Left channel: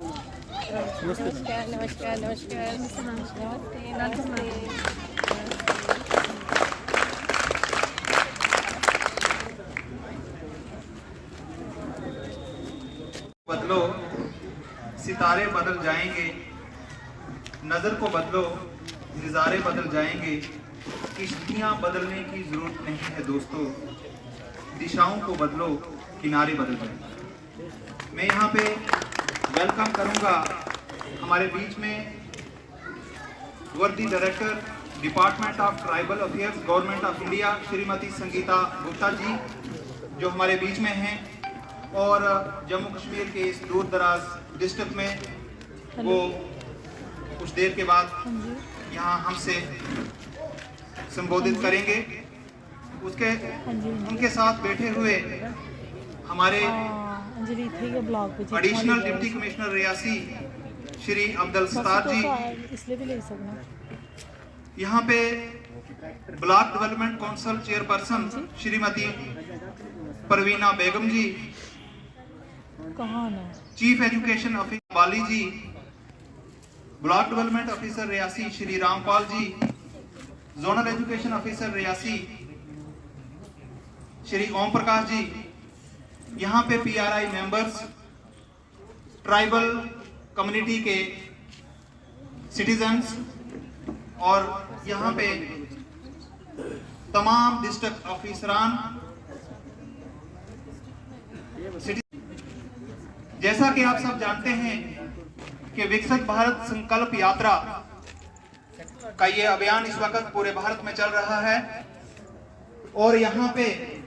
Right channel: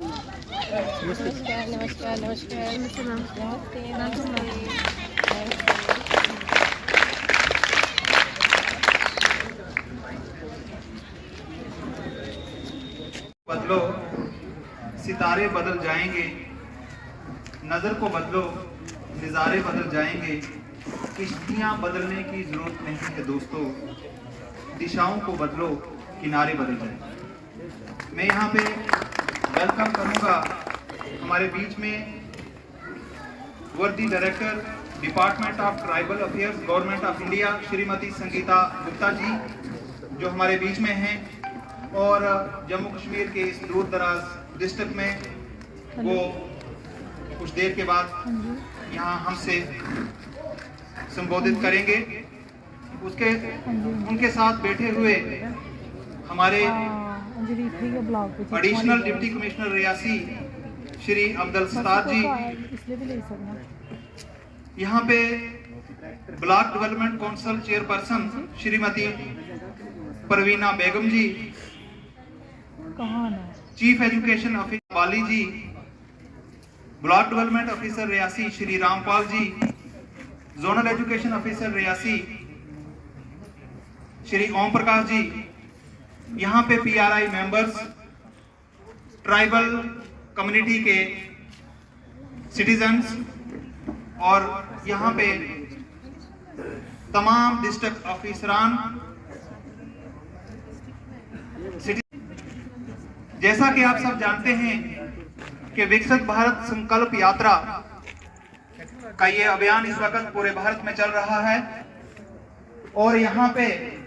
नमस्कार नमस्कार नमस्कार नमस्ते नमस्ते। बदलो, सितारे बदल जाएंगे, नजर को बदलो, नज़ारे बदल जाएंगे। किश्तियां बदलने की जरूरत नहीं है दोस्तों, दिशाओं को बदलो, किनारे बदल जाएंगे। मैं यहाँ पे वेलकम करूँगा हमारे बीच में वर्दी director department of tribal affairs government of India Shrimati Sangeeta Gupta ji, जो हमारे बीच में हैं और जम्मू कश्मीर के इस दूर दराज डिस्ट्रिक्ट में वो कुछ देर के बाद यहाँ हमसे संबोधित करेंगे। उनके साथ बैठे हुए हमारे additional deputy commissioner Reasi Shri Abdul Sattar ji, यहाँ पे block development council chairperson Shrimati Parveena Begum ji, chief education officer Bali ji, block development officer Reasi Shri Rampal ji, zonal education officer Reasi Shri Om Prakash ji, यहाँ पे पीआरआई मेंबर्स, ट्राइबल कम्युनिटी के सिटीजन्स और यहाँ पे तमाम डिस्ट्रिक्ट ऑफिसरान। जैसा कि आप सब जानते हैं कि विकसित भारत संकल्प यात्रा का ये अभियान इस वक्त पूरे भारत में चल रहा है और यहाँ पे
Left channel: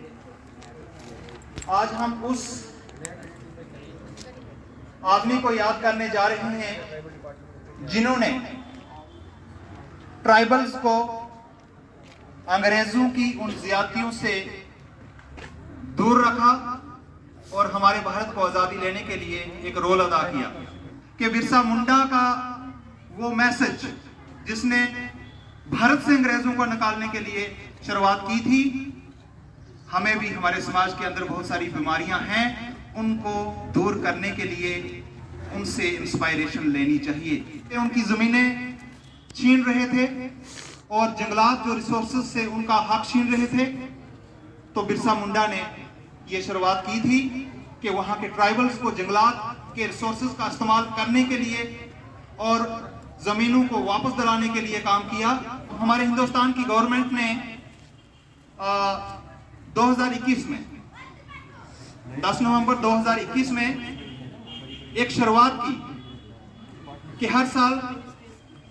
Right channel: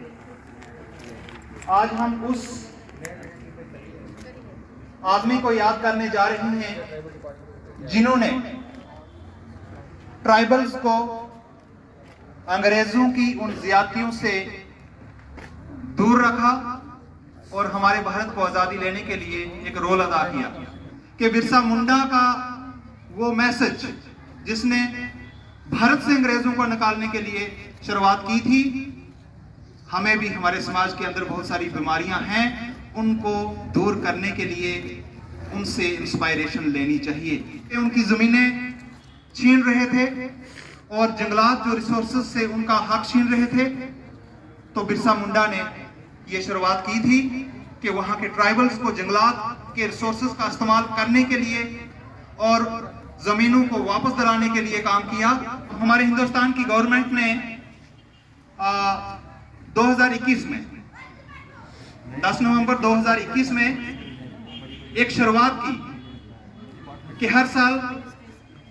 आज हम उस आदमी को याद करने जा रहे हैं जिन्होंने ट्राइबल्स को अंग्रेजों की उन ज्यादतियों से दूर रखा और हमारे भारत को आजादी लेने के लिए एक रोल अदा किया। कि बिरसा मुंडा का वो मैसेज जिसने भारत से अंग्रेजों को निकालने के लिए शुरुआत की थी, हमें भी हमारे समाज के अंदर बहुत सारी बीमारियां हैं, उनको दूर करने के लिए उनसे इंस्पायरेशन लेनी चाहिए। उनकी जमीनें छीन रहे थे और जंगलात जो रिसोर्सेज से उनका हक छीन रहे थे, तो बिरसा मुंडा ने ये शुरुआत की थी कि वहां के ट्राइबल्स को जंगलात के रिसोर्सेज का इस्तेमाल करने के लिए और जमीनों को वापस दिलाने के लिए काम किया। हमारे हिंदुस्तान की गवर्नमेंट ने 2021 में 10 नवंबर 2021 में एक शुरुआत की कि हर साल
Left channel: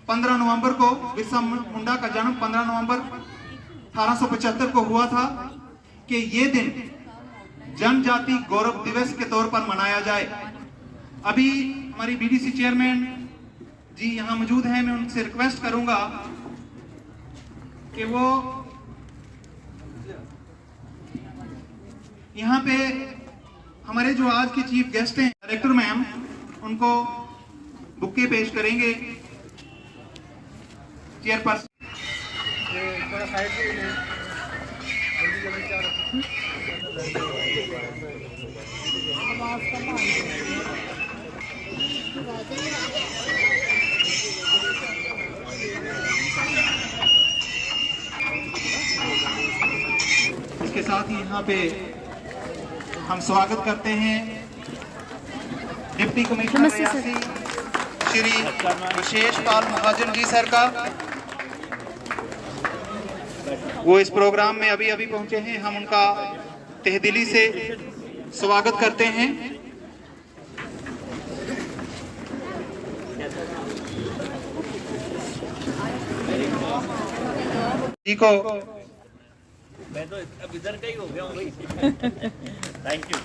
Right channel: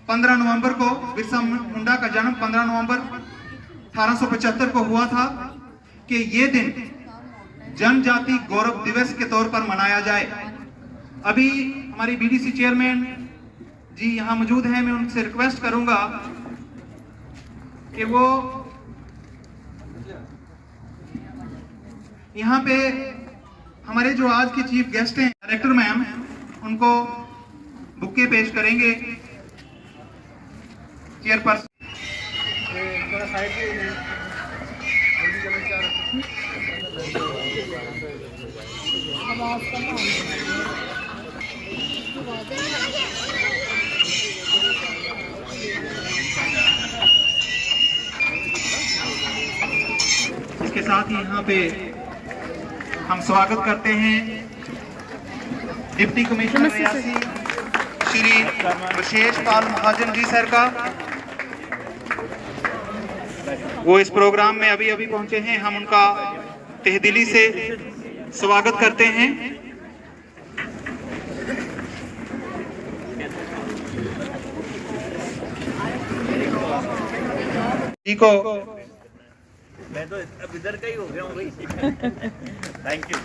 15 नवंबर को बिरसा मुंडा का जन्म 15 नवंबर 1875 को हुआ था कि ये दिन जनजाति गौरव दिवस के तौर पर मनाया जाए। अभी हमारी बीडीसी चेयरमैन जी यहाँ मौजूद हैं, मैं उनसे रिक्वेस्ट करूंगा कि वो यहाँ पे हमारे जो आज के चीफ गेस्ट हैं डायरेक्टर मैम, उनको बुके पेश करेंगे। चेयरपर्सन थोड़ा साइड इसके साथ ही यहाँ पे हम स्वागत करते हैं डिप्टी कमिश्नर रियासी श्री विशेष पाल महाजन जी सर का। वो इस प्रोग्राम में अभी अभी पहुंचे हैं, हम उनका तहेदिली से स्वागत करते हैं। जी को मैं तो अब इधर का ही हो गया हूँ भाई। Thank you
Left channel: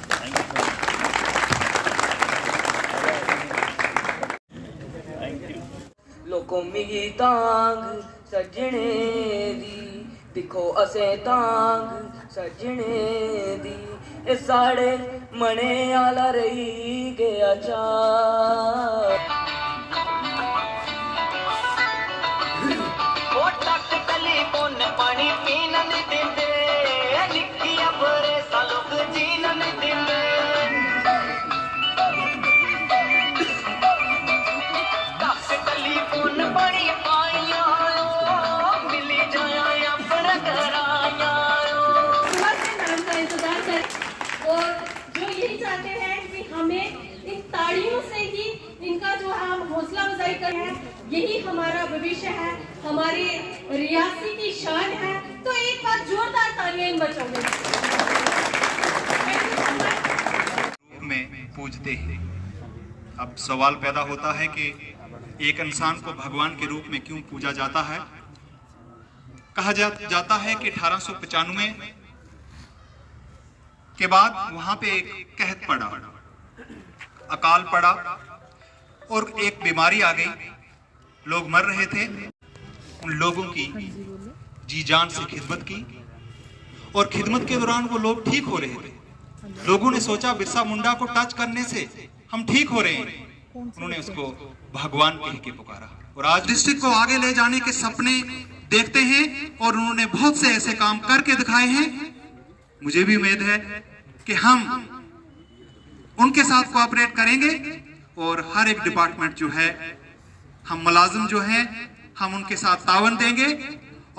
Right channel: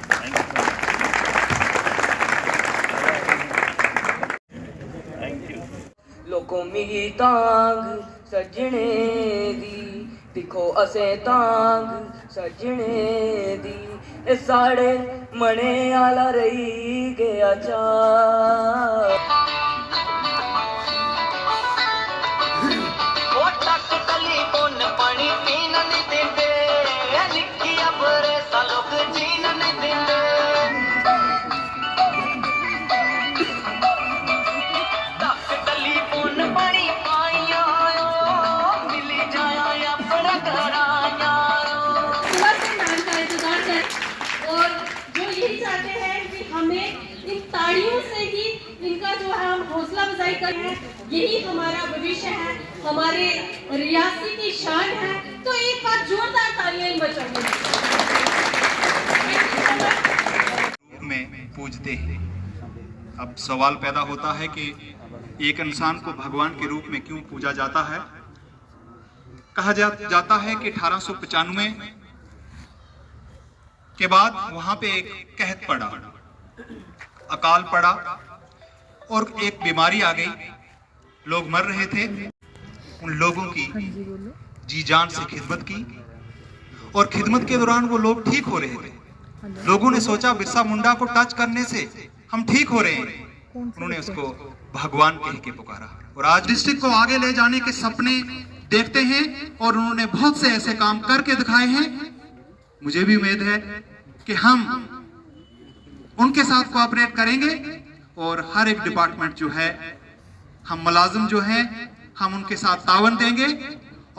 thank you. लोको मिगी तांग सजने दी, दिखो असे तांग सजने दी, ए साढ़े मने आला रही गया चा। पानी पीना नहीं देंगे, निक्की अपरे सालों जीना नहीं देंगे। हौसला अफजाई कर हैं, यही हमारा भविष्य है, हमारे रियासी की शान है। तो एक बार जोरदार तालियां इन बच्चों के में पूजते हैं। अब सवाल पैदा होता है कि एक इंसान को भगवान के रूप में क्यों पूजा जाता है। कहा जाता है कि 1895 के बाद वहां पे एक कहत पड़ा, अकाल पड़ा और एक बीमारी आ गई, लोग मर रहे थे। उन लोगों की जी जान से खिदमत की और खिदमत के दौरान वो लोग ठीक हो रहे थे। लोगों ने सोचा बिरसा मुंडा को टच करने से हम ठीक हो रहे हैं, उन्होंने उसको भगवान कह के पुकारा और आज डिस्ट्रिक्ट को आगे ले जाने के सपने देखते हैं और उन्होंने बहुत से ऐसे काम करके दिखाए हैं। मुझे भी उम्मीद है कि हम उनके साथ कोऑपरेट करेंगे और हर एक डिपार्टमेंट जो है, हम मुलाजिम जो हैं, हम उनके साथ तावन देंगे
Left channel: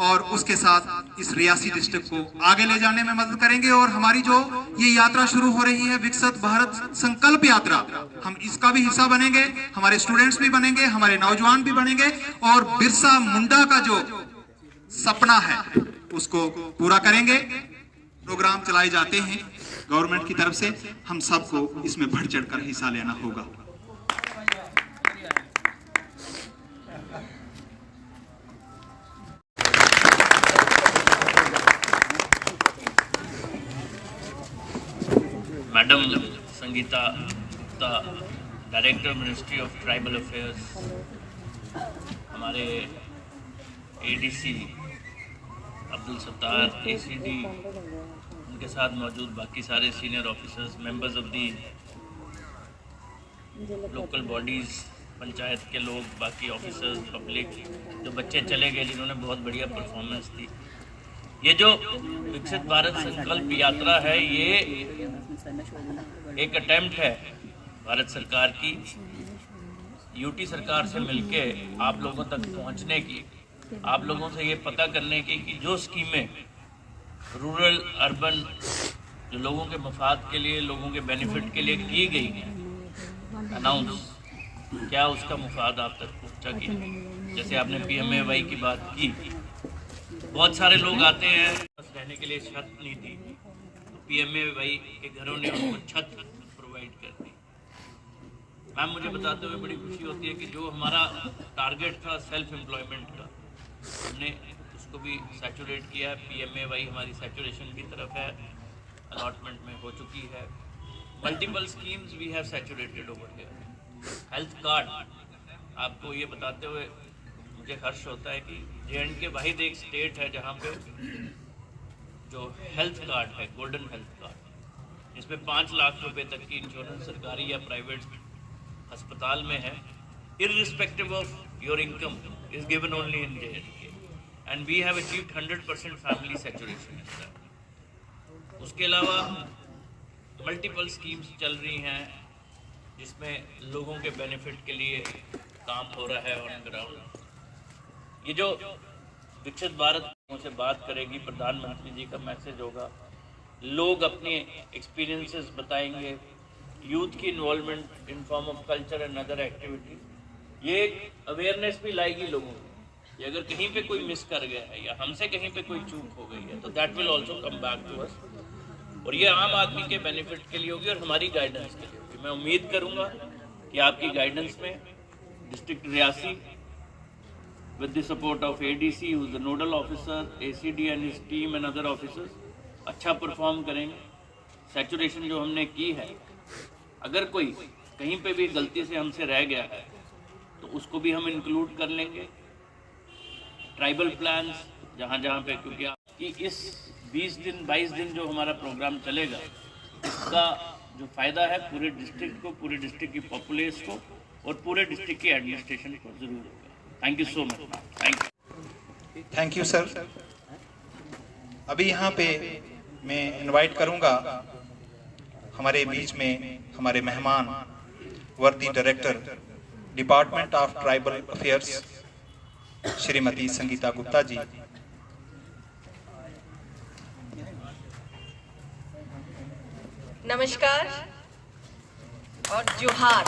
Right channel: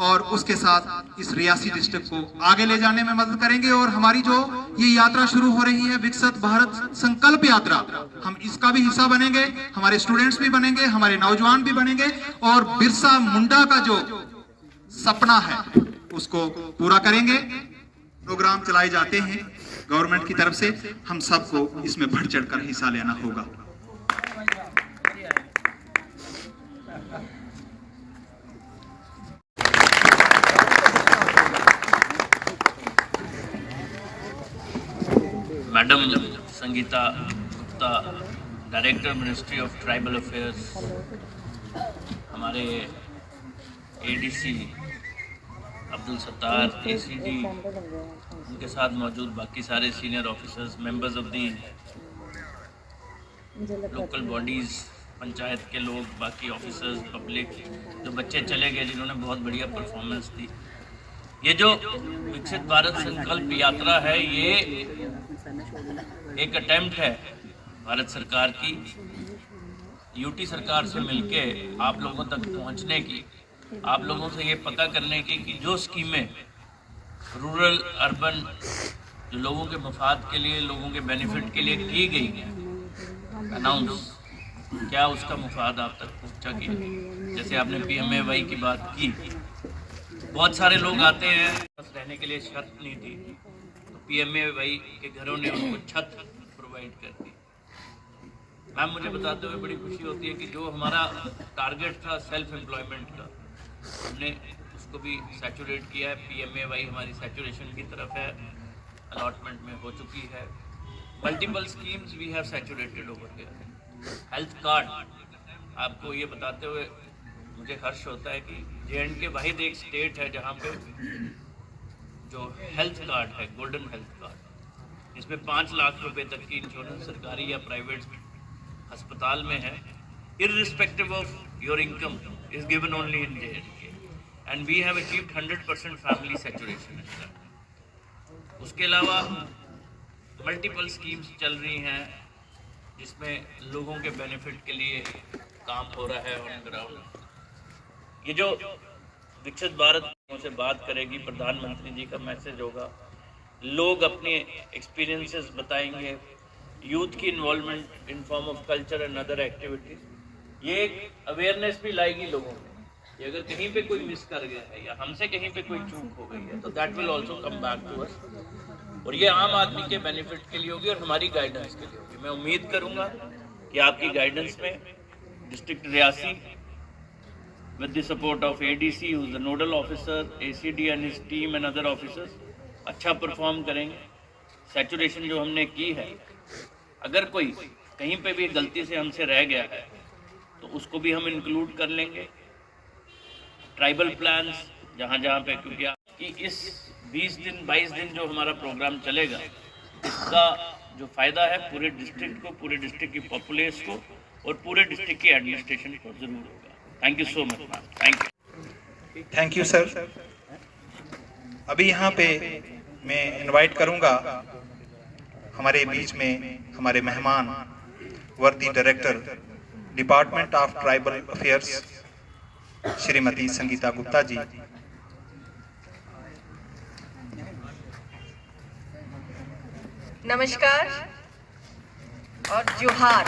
और उसके साथ इस रियासी डिस्ट्रिक्ट को आगे ले जाने में मदद करेंगे। और हमारी जो ये यात्रा शुरू हो रही है, विकसित भारत संकल्प यात्रा, हम इसका भी हिस्सा बनेंगे, हमारे स्टूडेंट्स भी बनेंगे, हमारे नौजवान भी बनेंगे और बिरसा मुंडा का जो सपना है उसको पूरा करेंगे। प्रोग्राम चलाए जाते हैं गवर्नमेंट की तरफ से, हम सबको इसमें बढ़ चढ़कर हिस्सा लेना होगा। Madam Sangeeta Gupta, director ministry of tribal affairs, हमारे एडीसी अब्दुल सत्तार, एसीडी, उनके साथ मौजूद बाकी सारे senior officers, members of the local bodies, panchayat के लोग, बाकी ऑफिसर्स, पब्लिक, जो बच्चे चले गए जिन्होंने बहुत बढ़िया परफॉर्मेंस दी। ये जो विकसित भारत संकल्प यात्रा है, ये एक अटेम्प्ट है भारत सरकार की, यूटी सरकार से मिलके आप लोगों तक पहुंचने की, आप लोगों से ये पता करने की कि जो स्कीमें रूरल अर्बन जो लोगों के मफाद के लिए, लोगों के बेनिफिट के लिए की गई हैं अनाउंस, क्या उसका मुफाद आप तक पहुंचा कि जैसे आपने PMAY की बात की। बहुत सारे लोग आते हैं, रहने के लिए छत नहीं दी, तो PMAY के घरों ने उनको छत प्रोवाइड कर दी। मैम, मुझे बताते हुए बड़ी खुशी होती है कि जो हमारा टारगेट था सेल्फ एम्प्लॉयमेंट का, हमने उसको भी सैचुरेट किया है। PMAY हमारी सैचुरेशन की तरफ है, अलॉटमेंट में हो चुकी है। Multiple schemes we have saturated over here. Health card, आपको ये बताते हुए मुझे हर्ष होता है कि J&K वाहिद एक स्टेट है जहाँ पे जो हेल्थ कार्ड है, गोल्डन हेल्थ कार्ड, जिसमें 5 लाख रुपए तक की इंश्योरेंस सरकारी या प्राइवेट अस्पताल में है, irrespective of your income, is given only in J&K, and we have achieved 100% family saturation. उसके अलावा मल्टीपल स्कीम्स चल रही हैं जिसमें लोगों के बेनिफिट के लिए काम हो रहा है ऑन ग्राउंड। ये जो विकसित भारत से बात करेगी, प्रधानमंत्री जी का मैसेज होगा, लोग अपने एक्सपीरियंसेस बताएंगे, यूथ की involvement in form of culture and other activities, ये एक अवेयरनेस भी लाएगी लोगों में कि अगर कहीं पे कोई मिस कर गया है या हमसे कहीं पे कोई चूक हो गई है तो that will also come back to us, और ये आम आदमी के बेनिफिट के लिए होगी और हमारी गाइडेंस के लिए होगी। मैं उम्मीद करूंगा कि आपकी गाइडेंस में district Reasi with the support of ADC, who is the nodal officer, ACD and his team and other officers, अच्छा परफॉर्म करेंगे। सैचुरेशन जो हमने की है, अगर कोई कहीं पे भी गलती से हमसे रह गया है तो उसको भी हम इंक्लूड कर लेंगे। ट्राइबल प्लान्स जहाँ पे, क्योंकि इस 20 दिन 22 दिन जो हमारा प्रोग्राम चलेगा, इसका जो फ़ायदा है पूरे डिस्ट्रिक्ट को, पूरे डिस्ट्रिक्ट की पॉपुलेस को और पूरे डिस्ट्रिक्ट की एडमिनिस्ट्रेशन को ज़रूर होगा। Thank you so much ma'am. Thank you sir. अभी यहाँ पे मैं इनवाइट करूँगा हमारे बीच में हमारे मेहमान, वर्दी director department of tribal affairs Shrimati Sangeeta Gupta ji. नमस्कार और जोहार।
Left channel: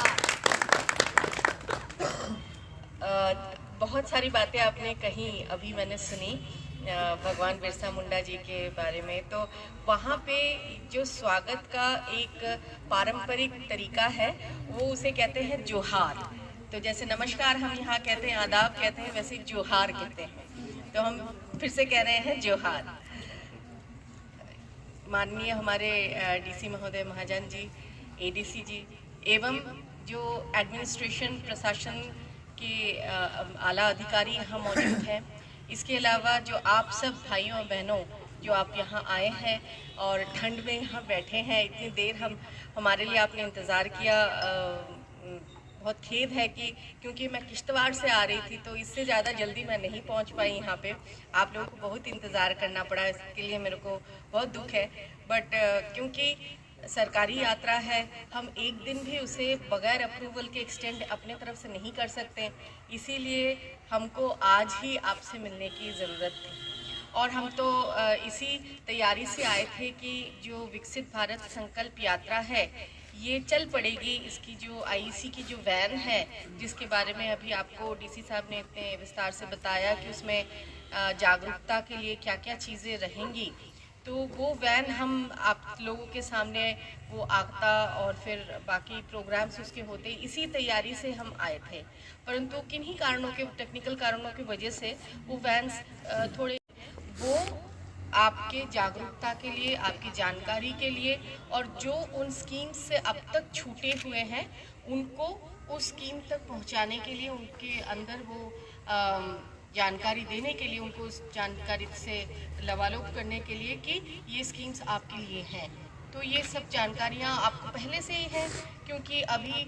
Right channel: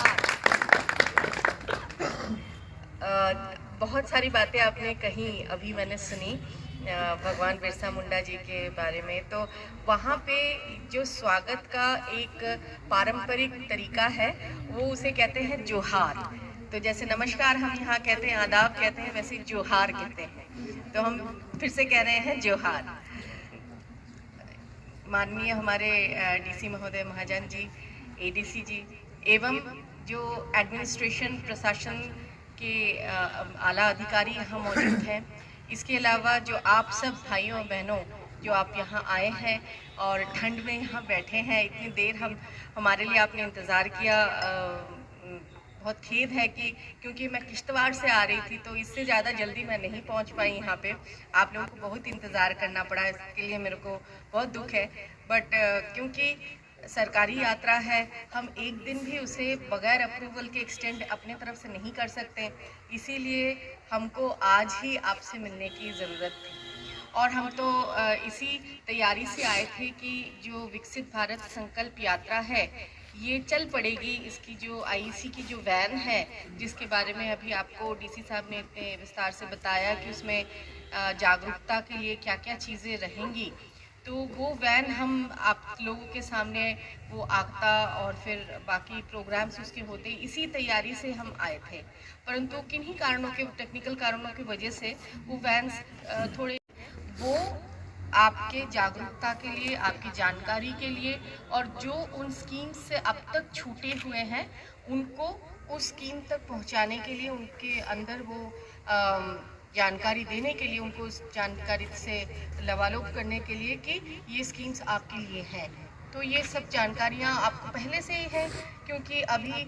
बहुत सारी बातें आपने कही, अभी मैंने सुनी भगवान बिरसा मुंडा जी के बारे में। तो वहाँ पे जो स्वागत का एक पारंपरिक तरीका है वो उसे कहते हैं जोहार। तो जैसे नमस्कार हम यहाँ कहते हैं, आदाब कहते हैं, वैसे जोहार कहते हैं। तो हम फिर से कह रहे हैं जोहार। माननीय हमारे डीसी महोदय महाजन जी, एडीसी जी एवं जो एडमिनिस्ट्रेशन प्रशासन के आला अधिकारी यहाँ मौजूद हैं, इसके अलावा जो आप सब भाइयों और बहनों जो आप यहाँ आए हैं और ठंड में यहाँ बैठे हैं, इतनी देर हमारे लिए आपने इंतज़ार किया। बहुत खेद है कि क्योंकि मैं किश्तवाड़ से आ रही थी तो इससे ज़्यादा जल्दी मैं नहीं पहुँच पाई यहाँ पे। आप लोगों को बहुत इंतज़ार करना पड़ा, इसके लिए मेरे को बहुत दुख है। बट क्योंकि सरकारी यात्रा है, हम एक दिन भी उसे बगैर अप्रूवल के एक्सटेंड अपने तरफ से नहीं कर सकते, इसीलिए हमको आज ही आपसे मिलने की ज़रूरत थी। और हम तो इसी तैयारी से आए थे कि जो विकसित भारत संकल्प यात्रा है ये चल पड़ेगी। इसकी जो आईईसी की जो वैन है, जिसके बारे में अभी आपको डीसी साहब ने इतने विस्तार से बताया कि उसमें जागरूकता के लिए क्या क्या चीज़ें रहेंगी, तो वो वैन हम आप लोगों के सामने वो आगता और फिर बाकी प्रोग्राम्स उसके होते, इसी तैयारी से हम आए थे। परंतु किन्हीं कारणों के, टेक्निकल कारणों की वजह से वो वैन्स थोड़े, वो आपके जागरूकता के लिए, आपकी जानकारी के लिए, और जो उन स्कीम से अब तक छूटे हुए हैं उनको उस स्कीम तक पहुंचाने के लिए, उनके अंदर वो जानकारी देने के लिए, उनको उस जानकारी से लवालोक करने के लिए कि ये स्कीम्स आपके लिए हैं। तो ये सब जानकारियाँ आपको पहले से ही हैं, क्योंकि अभी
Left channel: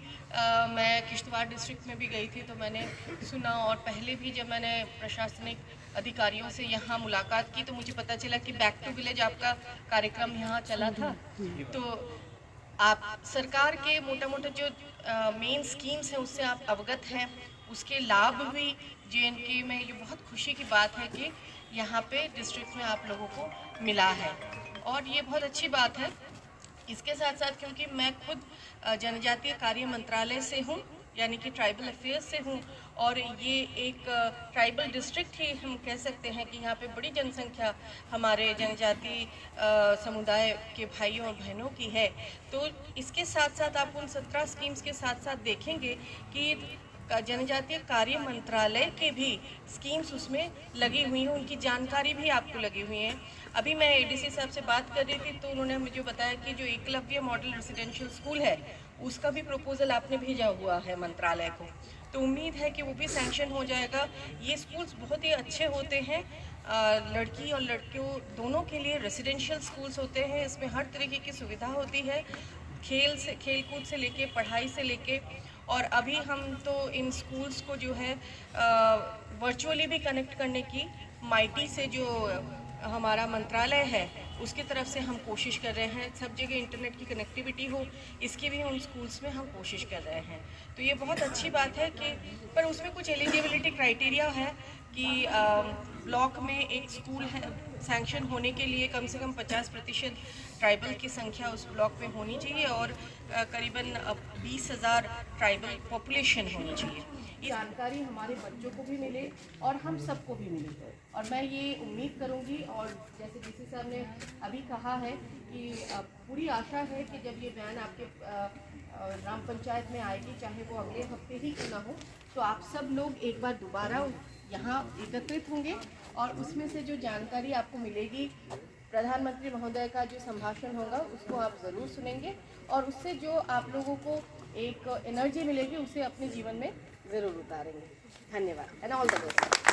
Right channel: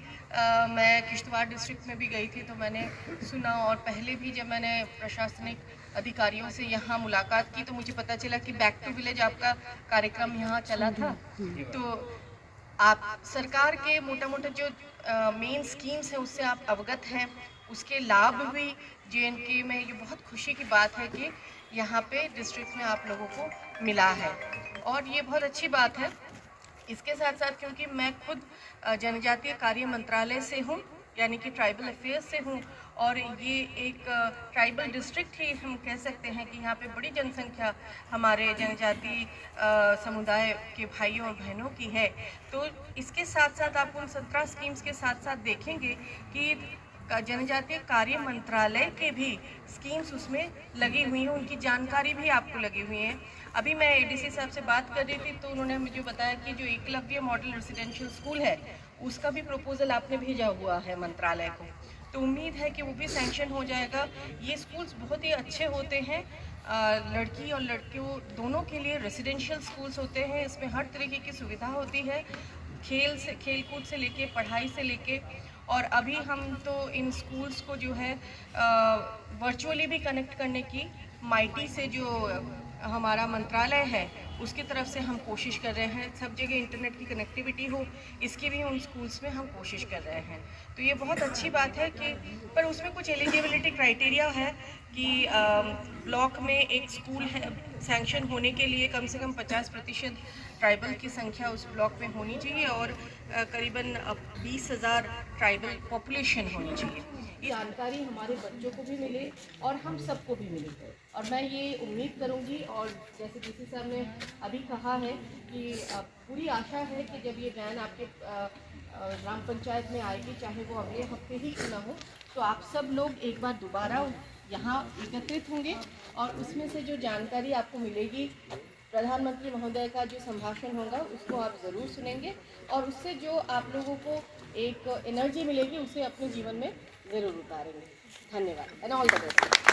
मैं किश्तवाड़ डिस्ट्रिक्ट में भी गई थी तो मैंने सुना, और पहले भी जब मैंने प्रशासनिक अधिकारियों से यहाँ मुलाकात की तो मुझे पता चला कि बैक टू विलेज आपका कार्यक्रम यहाँ चला था। तो आप सरकार के मोटा मोटा जो मेन स्कीम्स हैं उससे आप अवगत हैं, उसके लाभ भी जेएनके में, ये बहुत खुशी की बात है कि यहाँ पे डिस्ट्रिक्ट में आप लोगों को मिला है, और ये बहुत अच्छी बात है। इसके साथ साथ क्योंकि मैं खुद जनजातीय कार्य मंत्रालय से हूँ, यानी कि ट्राइबल अफेयर्स से हूँ, और ये एक ट्राइबल डिस्ट्रिक्ट ही हम कह सकते हैं कि यहाँ पे बड़ी जनसंख्या हमारे जनजातीय समुदाय के भाइयों और बहनों की है। तो इसके साथ साथ आप उन 17 स्कीम्स के साथ साथ देखेंगे कि जनजातीय कार्य मंत्रालय के भी स्कीम्स उसमें लगी हुई हैं, उनकी जानकारी भी आपको लगी हुई है। अभी मैं एडीसी साहब से बात कर रही थी तो उन्होंने मुझे बताया कि जो एकलव्य मॉडल रेसिडेंशियल स्कूल है उसका भी प्रपोजल आपने भेजा हुआ है मंत्रालय को, तो उम्मीद है कि वो भी सैंक्शन हो जाएगा। ये स्कूल्स बहुत ही अच्छे होते हैं, लड़की और लड़कियों दोनों के लिए रेसिडेंशियल स्कूल्स होते हैं। इसमें हर तरीके की सुविधा होती है, खेलकूद से लेके, पढ़ाई से लेके, और अभी हम तो इन स्कूल्स को जो है वर्चुअली भी कनेक्ट करने की माइटी से जो हमारा मंत्रालय है उसकी तरफ से हम कोशिश कर रहे हैं, सब जगह इंटरनेट की कनेक्टिविटी हो, इसकी भी उन स्कूल्स में हम कोशिश कर रहे हैं। तो ये बहुत अच्छी बात है कि, पर उसमें कुछ एलिजिबिलिटी क्राइटेरिया है कि ब्लॉक में एक स्कूल है, सैंक्शन होने के लिए कम से कम 50% ट्राइबल की संख्या उस ब्लॉक में होनी चाहिए, और करीबन 20,000 ट्राइबल पॉपुलेशन होनी चाहिए। ये जानकारी हमारे बच्चों को भी मिले और हम सबको भी मिले, और मैं ये उम्मीद करूंगी, और जैसे डीसी साहब ने अभी कहा है कि पूरी आशा है कि जब ये वैन आपके ग्राम पंचायत में आएगी, चाहे वो अगले हफ्ते ही क्यों ना हो, तो आप सब लोग एक बार दोबारा यहाँ एकत्रित होंगे, और उसमें से जो जानकारी आपको मिलेगी, प्रधानमंत्री महोदय का जो संभाषण होगा उसको आप ज़रूर सुनेंगे, और उससे जो आप लोगों को एक एनर्जी मिलेगी उसे अपने जीवन में ज़रूर उतारेंगे। धन्यवाद एंड ऑल द बेस्ट।